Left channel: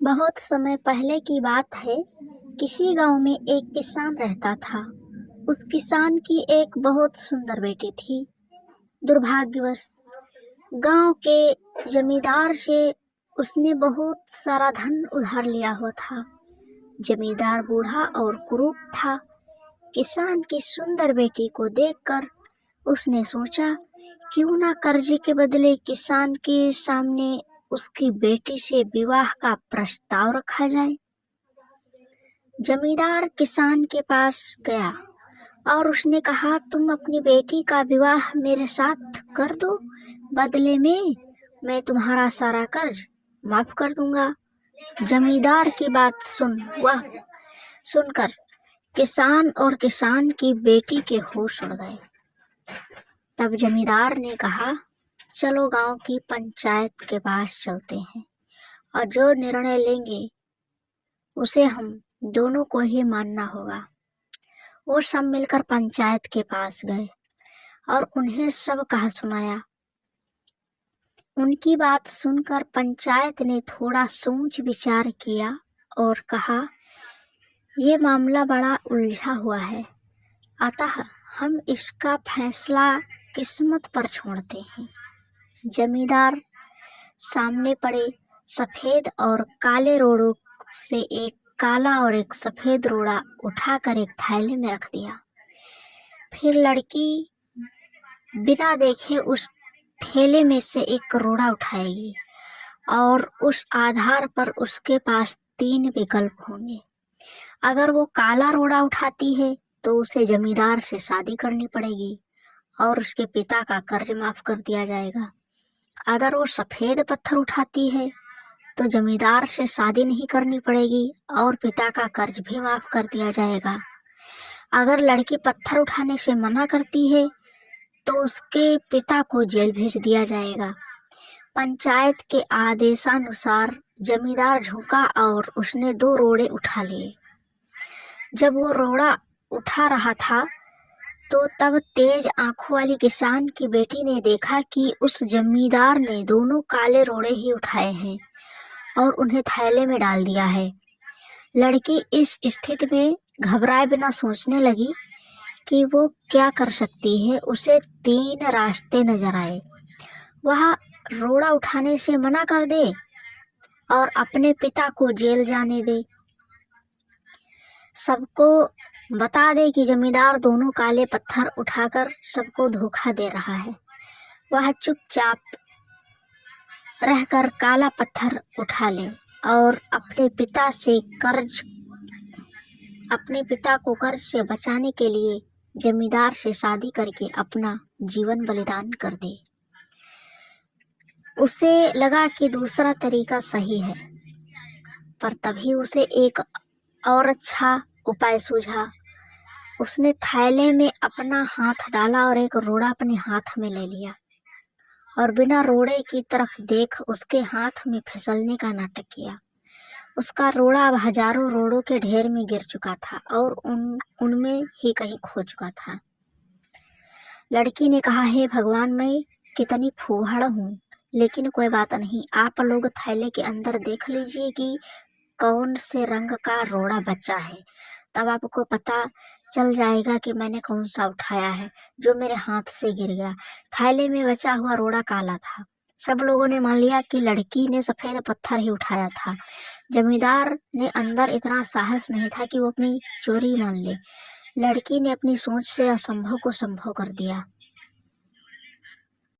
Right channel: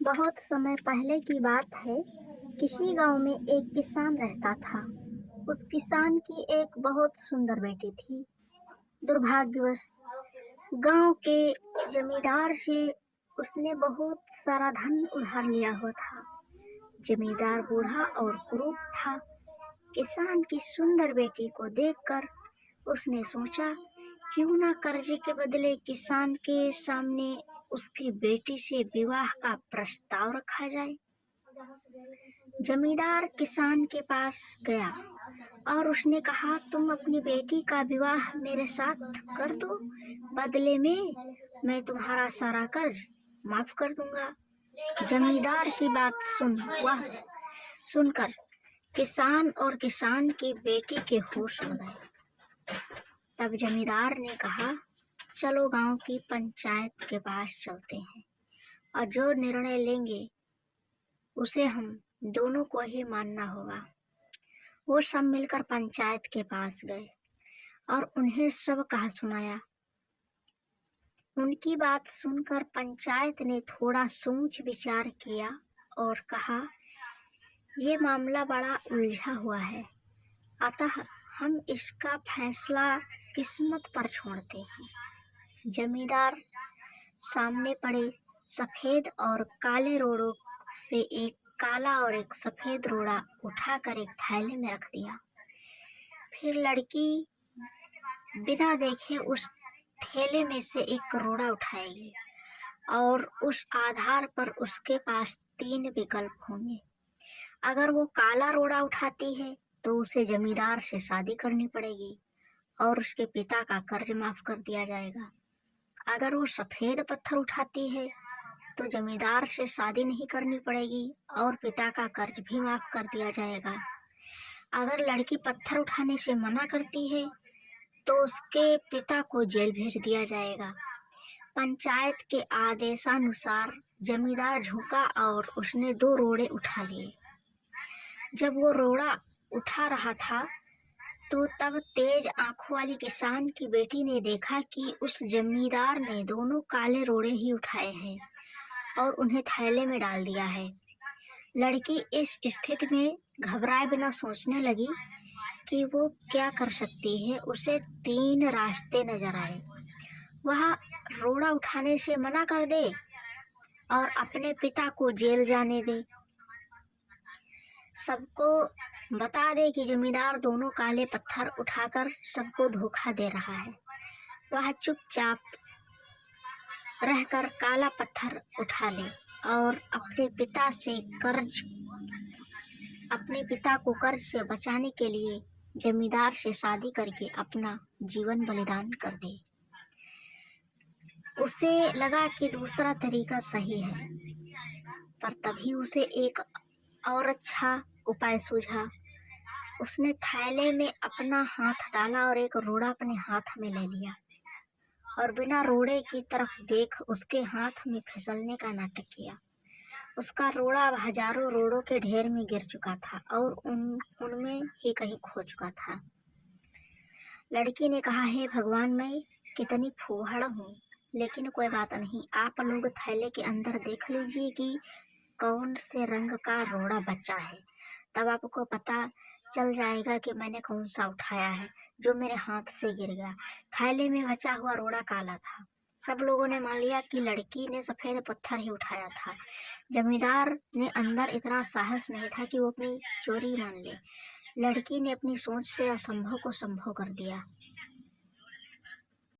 बहुत समय पहले की बात है। किसी गांव में एक किसान रहता था। उस किसान की एक बहुत सुंदर बेटी थी। दुर्भाग्यवश गांव के जमींदार से उसने बहुत सारा धन उधार लिया हुआ था। जमींदार बूढ़ा और कुरूप था। किसान की सुंदर बेटी को देखकर उसने सोचा, क्यों ना कर्जे के बदले किसान के सामने उसकी बेटी से विवाह का प्रस्ताव रखा जाए। जमींदार किसान के पास गया और उसने कहा, तुम अपनी बेटी का विवाह मेरे साथ कर दो, बदले में मैं तुम्हारा सारा कर्ज माफ कर दूंगा। जमींदार की बात सुनकर किसान और किसान की बेटी के होश उड़ गए। तब जमींदार ने कहा, चलो गांव की पंचायत के पास चलते हैं और जो निर्णय लेंगे उसे हम दोनों को ही मानना होगा। वो सब मिलकर पंचायत के पास गए और उन्हें सब कहा सुनाया। उनकी बात सुनकर पंचायत ने थोड़ा सोच विचार किया और कहा, ये मामला बड़ा उलझा हुआ है, अतः हम इसका फैसला किस्मत पर छोड़ते हैं। जमींदार सामने पड़े सफेद और काले रोड़ों से एक काला और एक सफेद रोड़ा उठाकर एक थैले में रख दिया। फिर लड़की बिना देखे उस थैले में से एक रोड़ा उठाएगी और उस आधार पर उसके पास 3 विकल्प होंगे। अगर वो काला रोड़ा उठाती है तो उसे जमींदार से शादी करनी पड़ेगी और उसके पिता का कर्ज माफ कर दिया जाएगा। अगर वो सफेद पत्थर उठाती है तो जमींदार से शादी नहीं करनी पड़ेगी और पिता का कर्ज भी माफ कर दिया जाएगा। अगर लड़की पत्थर उठाने से मना करती है तो उसके पिता को जेल भेज दिया जाएगा। पंचायत के आदेशानुसार जमींदार झुका और उसने 2 रोड़े उठा लिए। जब वो रोड़ा उठा रहा था तो तब तेज आंखों वाली किसान की बेटी ने देखा कि उस जमींदार ने दोनों काले रोड़े ही उठाए हैं और उन्हें थैले में डाल दिया है। लड़की इस स्थिति में घबराए बिना सोचने लगी कि वो क्या कर सकती है। उसे 3 रास्ते नजर आए। वह रोड़ा उठाने से मना कर दे और अपने पिता को जेल जाने दे, सबको बता दे कि जमींदार दोनों काले पत्थर उठाकर सबको धोखा दे रहा है। वह चुपचाप रहकर काला पत्थर उठा ले और अपने पिता को कर्ज से बचाने के लिए जमींदार से शादी करके अपना जीवन बलिदान कर दे। उसे लगा कि दूसरा तरीका सही है, पर तभी उसे एक और अच्छा उपाय सूझा। उसने थैले में अपना हाथ डाला और एक रोड़ा अपने हाथ में ले लिया और बिना रोड़े की तरफ देख उसके हाथ में फिसलने का नाटक किया। उसका रोड़ा अब हजारों रोड़ों के ढेर में गिर चुका था और उनमें ही कहीं खो चुका था। लड़की ने कहा, हे भगवान, मैं कितनी फूहड़ हूँ, लेकिन कोई बात नहीं। आप लोग थैले के अंदर देख लीजिए कि कौन से रंग का रोड़ा बचा है, तब आपको पता चल जाएगा कि मैंने कौन सा उठाया है जो मेरे हाथ से गिर गया। थैले में बचा हुआ रोड़ा काला था। सब लोगों ने मान लिया कि लड़की ने सफेद पत्थर ही उठाया था। जमींदार ने अंदर इतना साहस नहीं था कि वो अपनी चोरी मान ले। लड़की ने अपनी सोच से असंभव को संभव कर दिया।